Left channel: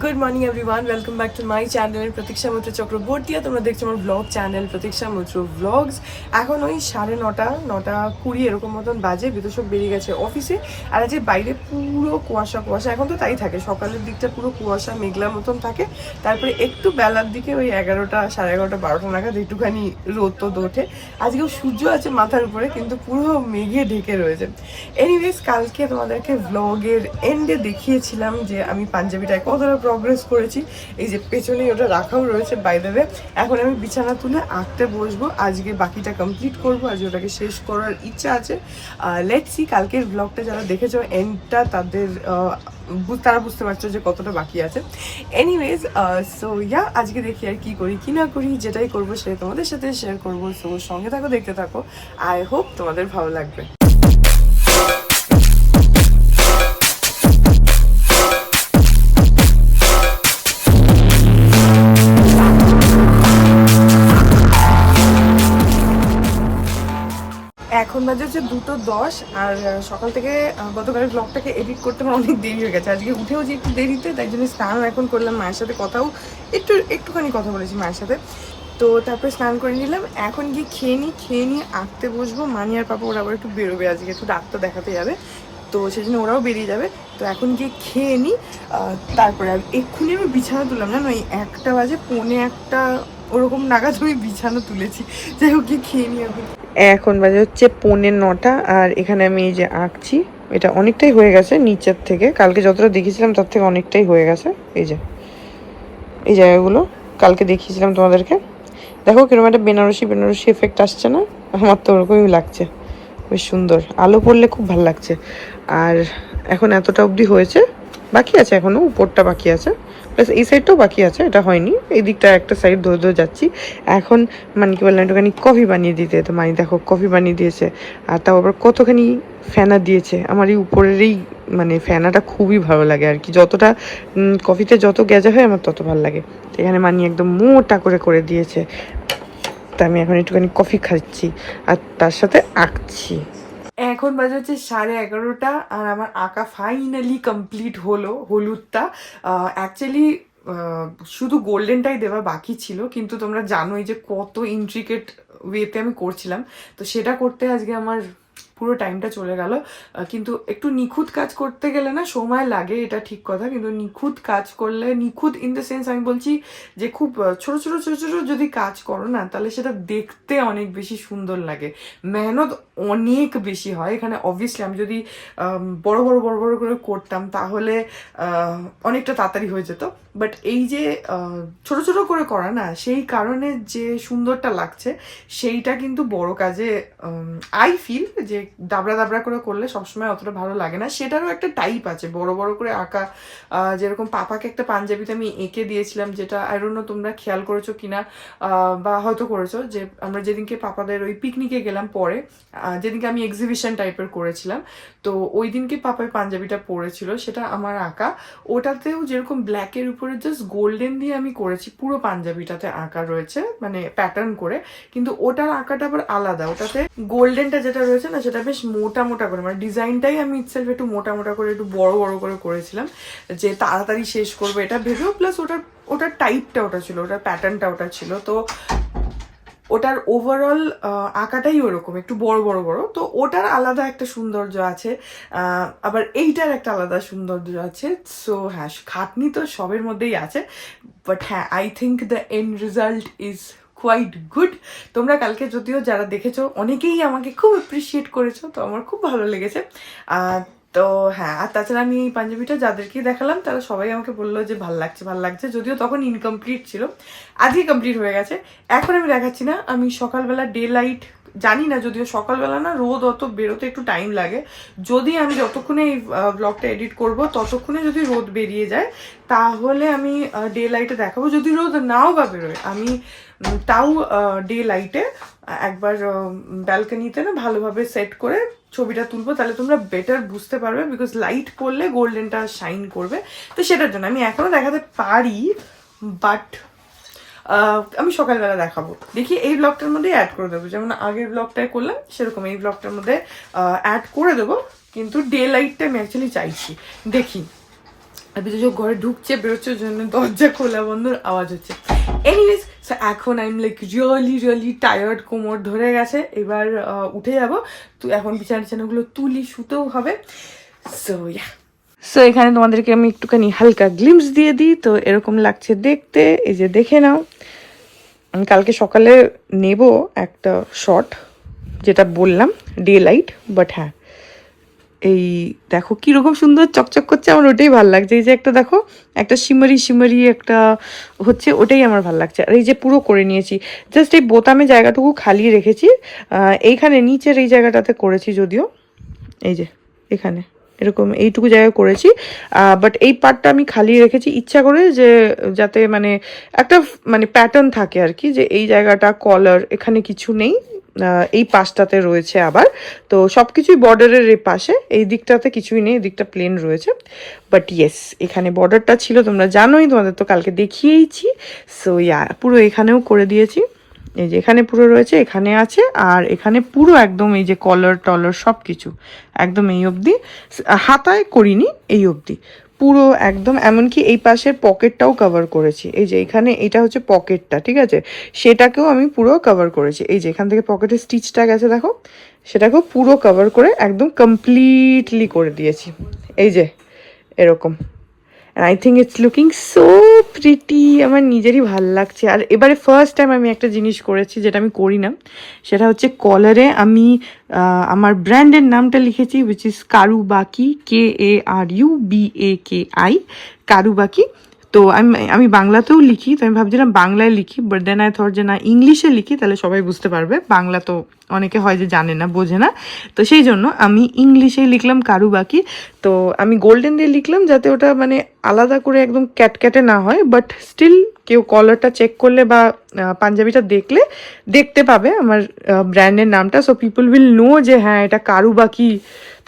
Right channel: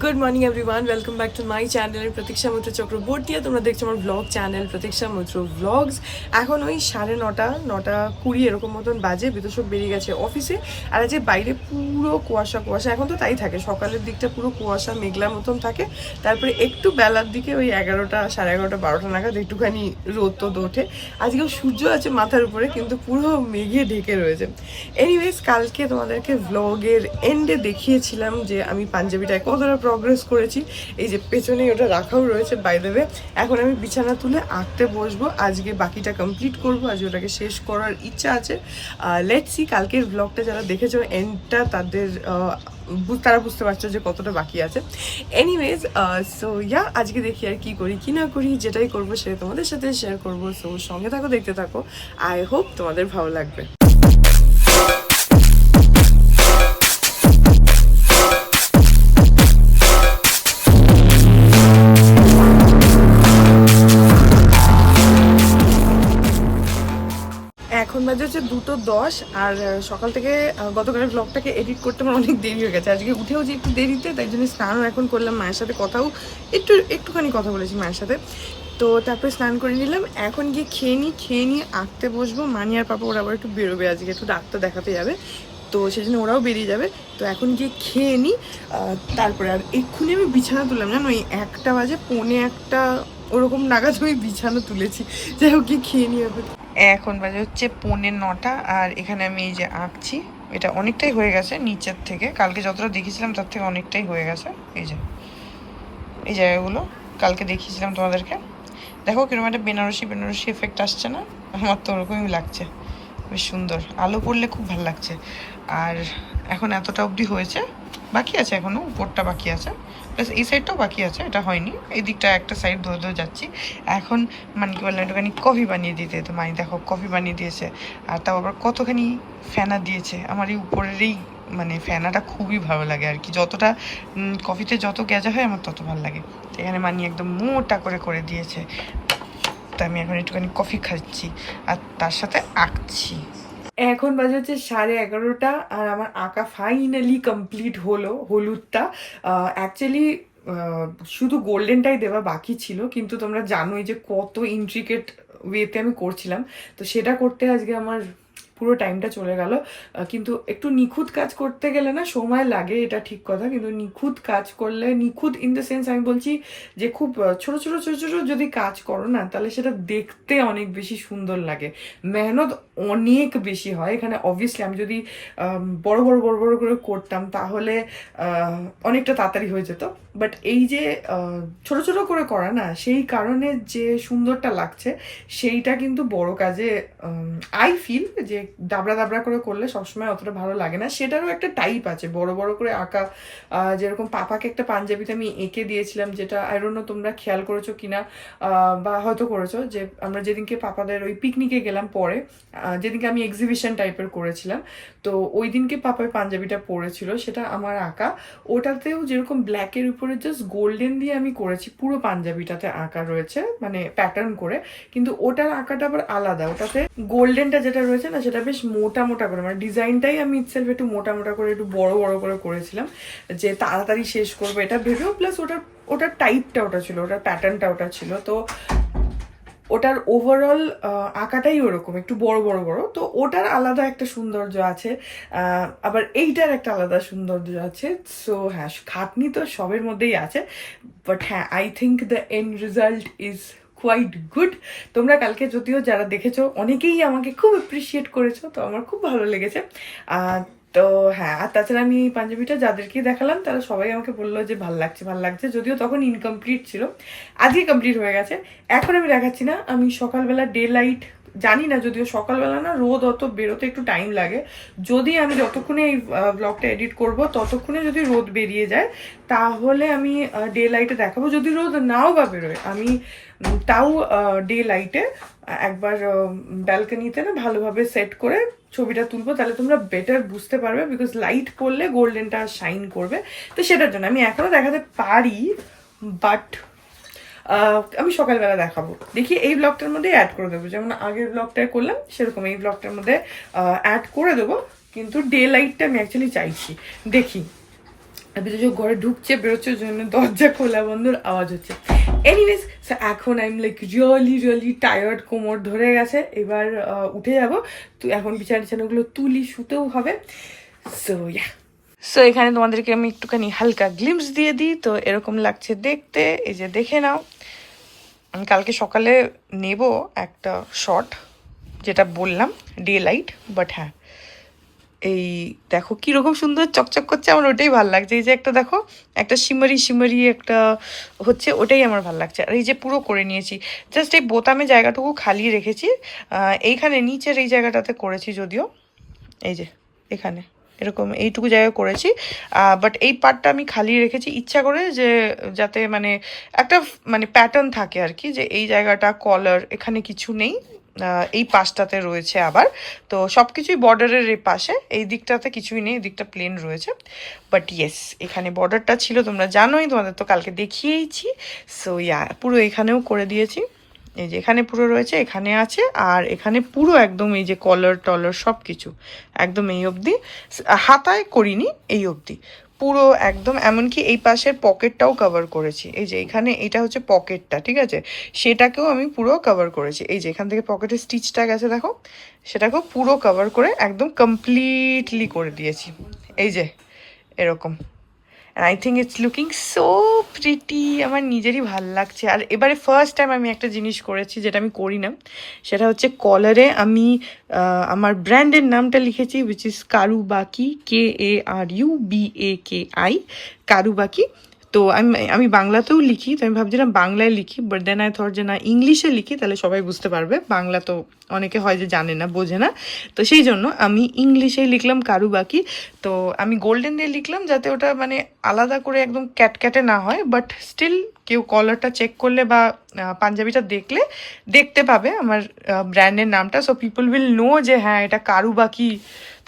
Good morning everyone, welcome back to my channel প্রতীক্ষা মৈত্র চক্রবর্তী। তোমরা দেখছো আমার ব্লগ চ্যানেল প্রতীক্ষা মৈত্র ব্লগস। এখন ওই 9:30 এরকম মতন বাজে। বিদুষক বেরিয়ে গেছে অফিসে, আর আজকে বাইরে পুরো কুয়াশা কুয়াশা। এখন তো তাই থাকে, সকালের দিকটা পুরো কুয়াশা মেঘলার মতন থাকে, তারপরে একটু বেলার দিকে ওই 11টা, 11:30, 12টা নাগাদ একটুখানি রোদ তো ওঠে। আজকেও সূর্য আছে মাথার উপরে, কিন্তু পুরো মেঘে ঢেকে রয়েছে। এনিওয়েজ, কালকে তোমাদেরকে ব্লগের এন্ডে দেখিয়েছিলাম যে আমি পাঞ্জাবিটায় কতটা প্রগ্রেস করেছি। এই যে পেছনেই ওটা রাখাও রয়েছে বাই দ্য ওয়ে। এখন আমি বিছানা তুলে আঁকতে বসবো, আজকে বাকিটা কমপ্লিট করবো, আজকে ওটাকে শেষ করার ইচ্ছা আছে। লেটস সি, কালকের ব্লগটা যারা দেখেছো এন্ডটা, তারা বুঝতে পারছো যে কতটা বাকি আছে। এনিওয়েজ, সো ইয়া, আজকে দেখি আর কি করি কি না করি, যেটাই করবো সেটা তোমাদের সাথে শেয়ার করবো। সো সঙ্গে থাকো, দেখতে থাকো, আই হোপ তোমাদের ভালো লাগবে। এখন বাজে হচ্ছে 2:10, আর সকাল থেকে গতকালের ব্লগটাকে এডিট করতে আমার অনেক দেরি হয়ে গেছে। আজকে উঠেও যে একটু দেরিতে, তাই জন্য স্নানও এখন করলাম, মায়ের সাথে কথাও একটুখানি কথা বলেছি মায়ের সাথে। তো তারপরে স্নান করে নিলাম, এখন গিয়ে খেয়ে নিয়ে আঁকতে বসবো। মানি আর পাপা ওরা আবার একটু বেরোবে, আজকে একটু ডাক্তার দেখাতে যাবে, তো সেই জন্য ওরাও বেরিয়ে যাবে। তো এখন গিয়ে খেয়ে নিই, তারপরে আর এক্ষুনি আমি বিছানা তুললাম, জানো ওই 1টা বাজে, 1:45 ওরকম নাগাদ আমি বিছানা তুলেছি। যাই হোক, গিয়ে খেয়ে নিই এখন বাজে হচ্ছে 9:45, আর এখানে আমি এই যে আঁকছি, এটা অনেকটাই হয়ে গেছে নিচের থেকে, কালকে যতটা দেখেছিলাম তার থেকে অনেকটাই হয়ে গেছে। এই যে এই জায়গাগুলো কালকে দেখিয়েছিলাম তোমাদেরকে, দেখো কিরকম একটা বেনারসি এফেক্ট আসছে না? আমার তো ওরকমই লাগছে, বেশ সুন্দর, আলো পড়লে খুব ভালো লাগছে। আর এখন এতটা অবধি হয়েছে, বাকি আছে এখনো, উপরটা বাকি আছে, প্লাস এই সাইডটাও বাকি আছে, এটা হয়নি। এই দিকটা একটা সাইড ধরে ধরে যাচ্ছি। এখন মানে কি বললাম, একটুখানি কফি বানিয়ে দিতে, তো মানে দেখো কফি বানিয়ে দিয়েছে, আর তাও আবার কতখানি ফেনা দিয়েছে। আমার এই উপরের এই মানে ফেনাটা খুবই ভালো লাগে আর কি, যতটা কফিতে যত গেজা হয় আমার তত ভালো লাগে। এখানে মানি একদম মোটা করে করে দিয়েছে। তা আমি এখন একটুখানি কফি খাচ্ছি আর তার সাথে আঁকছি। এখন বাজে হচ্ছে 11:30, আর আমার আঁকা ফাইনালি কমপ্লিট হলো। হলুদটা অ্যাকচুয়ালি শুধু গোল্ডেনটাই দেওয়া বাকি ছিল, কিন্তু তোমরা জানোই যে কত ইন্ট্রিকেট ওয়েতে আমি করছিলাম, তো সেটা করতে আজকে আমার পুরো টাইমটা চলে গেল। কিন্তু একটু নিখুঁত কাজ করতে গেলে না সময় লাগে, এটা ঠিক কথা, কিন্তু নিখুঁত কাজ করলে, নিখুঁত ইন দ্য সেন্স আমি বলছি যে খুব ছোট ছোট ছোট ছোট যদি কাজ করো না, তাহলে সেটা দেখতে অনেক বেশি সুন্দর লাগে, মেহনত অনেক বেশি হয় এখানে। অবভিয়াসলি আমি যদি বড় বড় বড় বড় করে করতাম তাহলে অনেকটা তাড়াতাড়ি হয়ে যেত, বাট এই যে ছোট ছোট করে করা না, সেই কারণে যে সুন্দরটা লাগছে সেইটা কিন্তু বড় কাজে আই ফিল যে দাবড়া দাবড়া করে করলে সবসময় অতটা ভালো লাগে না। সেটারও একটা টাইপ আছে, বড় বড় করে আঁকা। যেরকম পাপাকে একটা পাঞ্জাবিতে আমি এঁকে দিয়েছিলাম, যেটা আই ডোন্ট নো তোমরা খেয়াল করেছো কিনা, বা হয়তো করেছো, যে আমরা যেদিনকে পাপাদের ওই পিকনিকে গেলাম পরে, যেদিনকে আমি এক্সিবিশন টাইপের করেছিলাম, তো ওই দিনকে পাপাই পাঞ্জাবিটা পরেছিল, সেটা আমার আঁকা। ওটাতেও যেরকম ব্ল্যাকের উপরে জাস্ট গোল্ডেন দিয়ে আমি করেছি, পুরো পাঞ্জাবিটাতে আঁকা রয়েছে মানে প্যাটার্ন করে, কিন্তু ওটার আঁকাটা আবার আলাদা। ওটাতে গোল্ডেনটা যেটা রয়েছে না, সেটা বেশ মোটা মোটা করে, মানে ডিজাইনটাই আমি ইটসেলফ একটু মোটা মোটা করে, একটু বড় বড় করে করেছিলাম, যে তাড়াতাড়ি শেষ করবো এটা ভেবেও, প্লাস ওটার টাইপটা ওটা ছিল, ওটার প্যাটার্নটা ওটা ছিল, তো ওটার ওভারঅল আঁকাটাই ওরকম একটু বড় বড় বড়, তো ওটার আলাদা একটা সৌন্দর্য আছে, আবার এইটার একটা আলাদা সৌন্দর্য আছে। সো হ্যাঁ, খাটনি তো সবের মধ্যেই আছে, বাট হ্যাঁ, I think the end result is quite good. তোমরা কালকে যদিও যারা দেখেছো অনেকেই আমাকে খুব অ্যাপ্রিসিয়েট করেছো, তো আমার খুব ভালো লেগেছে। তো হ্যাঁ, আর তাছাড়া আমি এই পাঞ্জাবিটা যাদেরকে দেখালাম তারা সবাই আমাকে বললো যে ভাল লাগছে, যদিও তখন ইনকমপ্লিট ছিল, আজকে কমপ্লিট হয়ে গেছে। এখন আমি দেখাচ্ছি না, আমি সকালবেলা ডে লাইট, জানি না, যদিও সকালবেলা না রোদ অত বেরোতে একটু টাইম লাগে, যদি আমি যতক্ষণে এই ব্লগটা এডিট করব ততক্ষণে যদি রোদ বেরিয়ে যায় তাহলে আমি ডে লাইটে দেখাবো। যদি রোদ নাও বা বেরোয়, আমি তাও ডে লাইটে একবার ব্যালকনিতে না ভালোভাবে সেট করে ছবিটা তুলবো, তাহলে তোমরা বেটার বুঝতে পারবে, বিকজ লাইট পড়লে গোল্ডেনটা শাইন করবে। তো সেটার জন্য আমি এখনো দেখাতে পারি, বাট আমি সকালবেলা দেখাবো। দেখি এই ব্লগটার মধ্যে অ্যাড করে দেবো, যেমন আগের ব্লগটায় করলাম সেরকম এই ব্লগটার মধ্যে অ্যাড করে দেবো, কিন্তু ডে লাইটটা আমি অ্যাকচুয়ালি চাইছি। দেখি আর বিদ্যুৎ ঘরে ঢুকছে বেরোচ্ছে, ওই জন্য দরজা খোলা বন্ধর আওয়াজ হচ্ছে। এনিওয়েজ, এখন I am like really tired, কোমর ধরে গেছে, এবার উঠে যাব। তো এখন বিছানাগুলো তুলি, শুতেও হবে। সো এখানে তোমাদেরকে আমি একটুখানি হালকা গ্লিমস দিয়ে দিই। তো এরকম লাগছে দেখতে, এই যে দেখে নাও। আমি কালকে সকালে নেব একটা শট, যেটা বললাম ডে লাইট, বাট হ্যাঁ এই দেখো কিরকম সুন্দর চকচক করছে, আমার ওটাই ভালো লাগছে। এই যে একটা দেখো, একটা শিমারি একটা হচ্ছে, ওটাই আমার ভালো লাগছে। আর এই যে পুরো করে নিয়েছি, জাস্ট এই বোতামে জায়গাটুকু খালি রেখেছি, এইখানে নিচের এই জায়গাটাতে করেছি যদিও, এই যে এখানে এরকম এইটুকু জায়গা করেছি, বাট এই পার্টটা আমি খালি রেখেছি ইচ্ছা করে, যে যাতে মানে একটা মানে প্যাটার্ন থাকে আর কি, যে এই জায়গাটা কলার এখানে কিছু নেই, এই পাশটাতে রয়েছে আবার। তো সব কিছুই বর্ডারের এই পাশে, এই দিকটাতে কিছুই নেই, এই দিকটা প্লেন রয়েছে। বাট ইয়েস, এখানে বর্ডারটা ছিল, তোমরা জানোই, তোমাদের তো কালকে দেখিয়েইছি। সো পুরো এখানেও করে দিয়েছি, এই যে এখানে পুরো রয়েছে, এখানে আছে, আর এখানে পুরো একদম এই যে কলার টলার সব কিছু একদম এই অবধি, হাতায় করিনি, এই অবধি পুরো একদম। এমনকি এই পাশের পকেটটাও কভার করেছি, এই যে এখানে এটা হচ্ছে পকেটটা, ঠিক আছে, সেটাকেও আমি পুরো কভার করেছি। এই যে এখান থেকে পকেটের স্টিচটা গেছে দেখো, সেটাকেও পুরো কভার করে একদম কমপ্লিটলি করে দিয়েছি, এই যে এরকম। I think it's looking so pretty, আমার নিজেরই ভাল লাগছে। আর এবারে ফার্স্ট টাইম আমি একটা জিনিস করেছি যেটা আমি করি না, সেটা হচ্ছে কলারে আমি আমার ব্র্যান্ডের নামটা লিখেছি, উইচ ইজ কারুবাকি, KARUBAKI, কারুবাকি। তো আমি বাংলাতেও লিখি, তো আমি ভাবছিলাম বাংলায় লিখি, বাট দেন আই থট যে না, ইংলিশে লিখি, তাহলে সবাই বুঝতে পারবে। বাংলা তো অনেকে হয় যে জানে না, বোঝে না, তো সেই জন্য আমি ইংলিশে লিখলাম কারুবাকি। তো আমি গোল্ডেন দিয়ে লিখলাম, যাতে ওটা মানে আলাদা করে একদম ক্যাটক্যাটে না হয়, বাট স্টিল কেউ কলারটা চেক করলে বা পাঞ্জাবিটা দেখলে দেখতে পাবে আমার ব্র্যান্ডের নামটা। সো পিপল উইল নো যে হ্যাঁ এটা কারুবাকি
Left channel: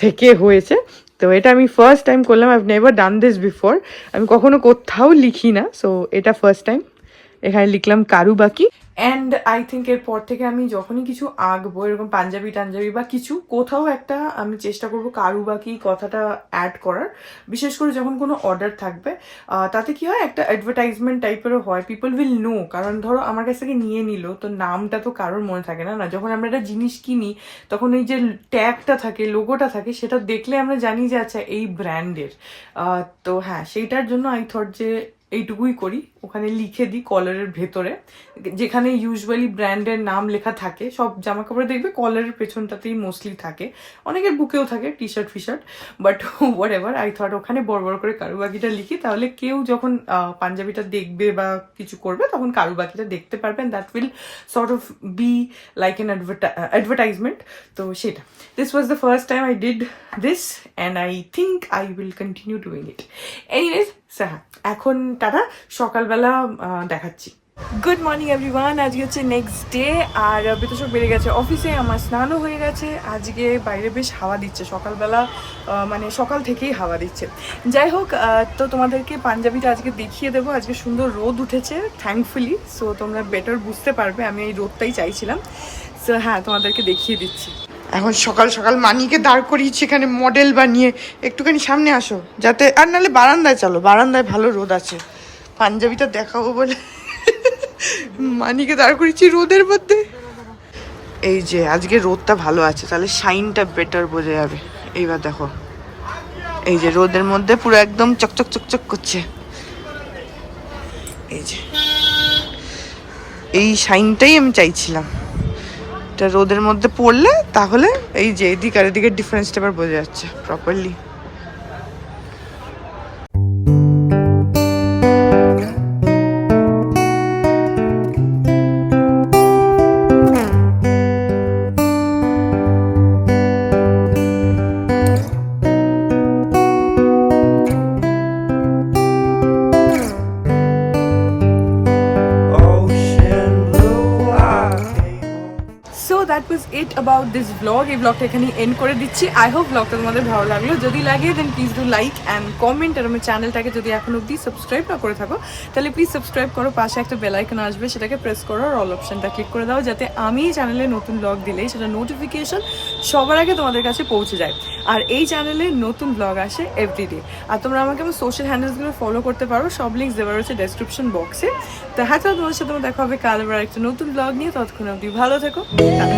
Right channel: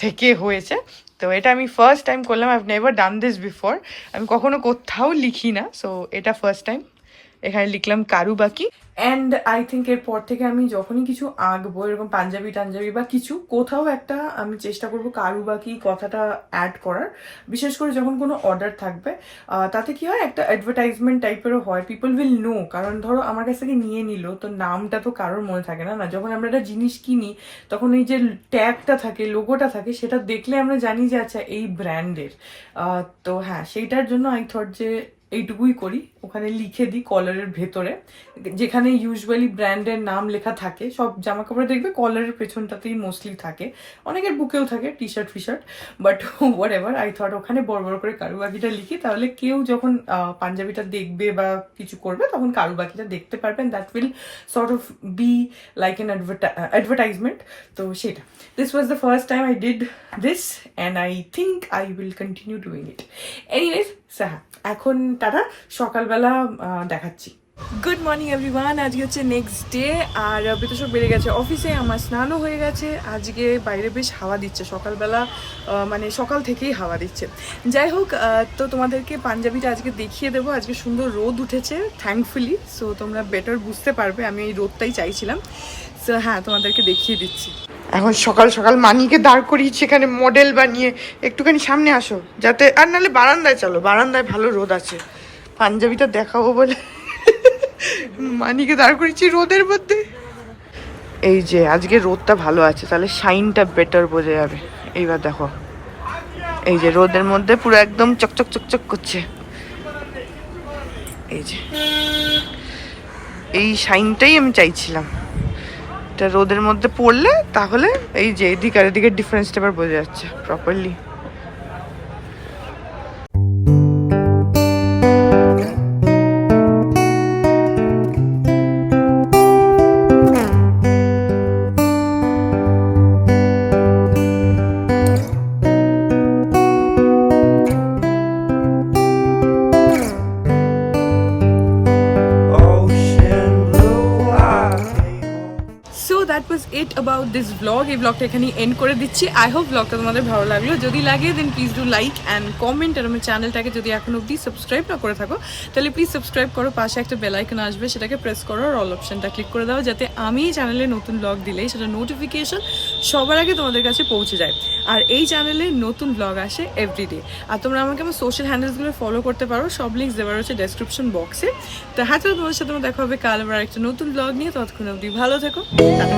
থেকে হয়েছে। তো এটা আমি ফার্স্ট টাইম করলাম, I've never done this before, আমি কখনো কোথাও লিখি না, সো এটা ফার্স্ট টাইম এখানে লিখলাম কারুবাকি। অ্যান্ড আই থিঙ্ক এরপর থেকে আমি যখনই কিছু আঁকবো, এরকম পাঞ্জাবি টাঞ্জাবি বা কিছু, কোথাও একটা আমি চেষ্টা করবো কারুবাকি কথাটা অ্যাড করার, বিশেষ করে যখন কোনো অর্ডার থাকবে। তাতে কি হয়, একটা অ্যাডভার্টাইজমেন্ট টাইপেরও হয়, পিপল উইল নো। কারণ ধরো আমার কাছ থেকে নিয়ে নিল, তো নামটা তো কারোর মনে থাকে না, না যখন আমরা একটা জিনিস কিনি, তখন ওই যে ট্যাগটা থাকে, লোগোটা থাকে, সেটা দেখলে আমরা জানি যে আচ্ছা এই ব্র্যান্ডের। তো হ্যাঁ, সেইটার জন্য আই থট যে এইটুকুই করি, ওখানে লিখে দিই কলারের ভেতরে, যেখানে ইউজুয়ালি ব্র্যান্ডের নাম লেখা থাকে। সব জামা কাপড়ে দেখবে কলারের পেছনটাতেই মোস্টলি থাকে, অনেকের বুকেও থাকে, টি শার্ট ফিশার্ট, but whatever, I thought ওখানে বড় বড় করে কারুবাকিটা লিখি, তাহলে কেউ যখন পাঞ্জাবিটা দেখবে বা কিছু করবে, তখন কারুবাকিটা দেখতে পারবেন। That will sort of be like N advertisement. তো সেটা, this was the first time I did this, and I think I will continue doing it. Anyways, হ্যাঁ এখন টাটা, সকালবেলা দেখাচ্ছি। গুড মর্নিং এভরিওয়ান, আজকে হচ্ছে নেক্সট ডে, আর বিতোষক বেড়ে গেছে অফিসে, আমার স্নানও হয়ে গেছে। আজকে বাইরে বেশ হাওয়া দিচ্ছে সকালবেলা, মানে সকাল থেকেই হাওয়া দিচ্ছে। যাই হোক, তো তোমাদেরকে পাঞ্জাবিটা আজকে দেখিয়ে দেবো। আজকে সুন্দর রোদ উঠেছে থ্যাঙ্কফুলি, সো তোমরা বেটার বুঝতে পারবে, আমি এই রোদটাই চাইছিলাম। সো হ্যাঁ, তোমাদেরকে দেখিয়ে দিচ্ছি। এখন সকাল সকাল মানিকে দাঁড় করিয়েছি এখানে মডেল বানিয়ে, একটুখানি সামনে আসো, যাতে, আর নাহলে বারান্দায় চলো, বারান্দায় ভালো রোদ আছে, পাঞ্জাবিটা দেখাবো বলে মানিকে দাঁড় করিয়েছি রোদের মধ্যে। এই যে আজকে রোদটা ভালো আছে, তাহলে শাইনটা বেটার বোঝা যাবে। এইবার দেখো, এই যে রোদের মধ্যে পুরো একদম চকচক চকচক করছে, এই যে এই শাইনটাই আমি চাইছিলাম। এটা রোদের মধ্যে পড়লে তাহলে এই যে এদিক আর এদিকের ডিফারেন্সটা এবার বোঝা যাচ্ছে properly. That was it about this blog. এই ব্লগটা এখানেই এন্ড করে দিচ্ছি। আই হোপ ব্লগটা তোমাদের ভালো লাগলো। যদি লাগে then please do like and comment, আর আমার চ্যানেলটাকে যদি এখন অব্দি সাবস্ক্রাইব না করে থাকো, তাহলে প্লিজ সাবস্ক্রাইব করো। পাশে একটা বেল আইকন আসবে, সেটাকে প্রেস করো, আর অল অপশনটা ক্লিক করে দাও, যাতে আমি চ্যানেলে নতুন ব্লগ দিলেই সেটা নোটিফিকেশন সবার আগে তোমাদের কাছে পৌঁছে যায়। আর এই চ্যানেলে নতুন ব্লগ আসে এভরিডে। আর তোমরা আমাকে আমার সোশ্যাল হ্যান্ডেলসগুলো ফলো করতে পারো, সব লিঙ্কস দেওয়া রয়েছে ডেসক্রিপশন বক্সে। তো হয়তো তোমাদের সাথে দেখা হবে কাল আবার একটা নতুন ব্লগ নিয়ে। ততক্ষণ অবধি ভালো থেকো। টাটা।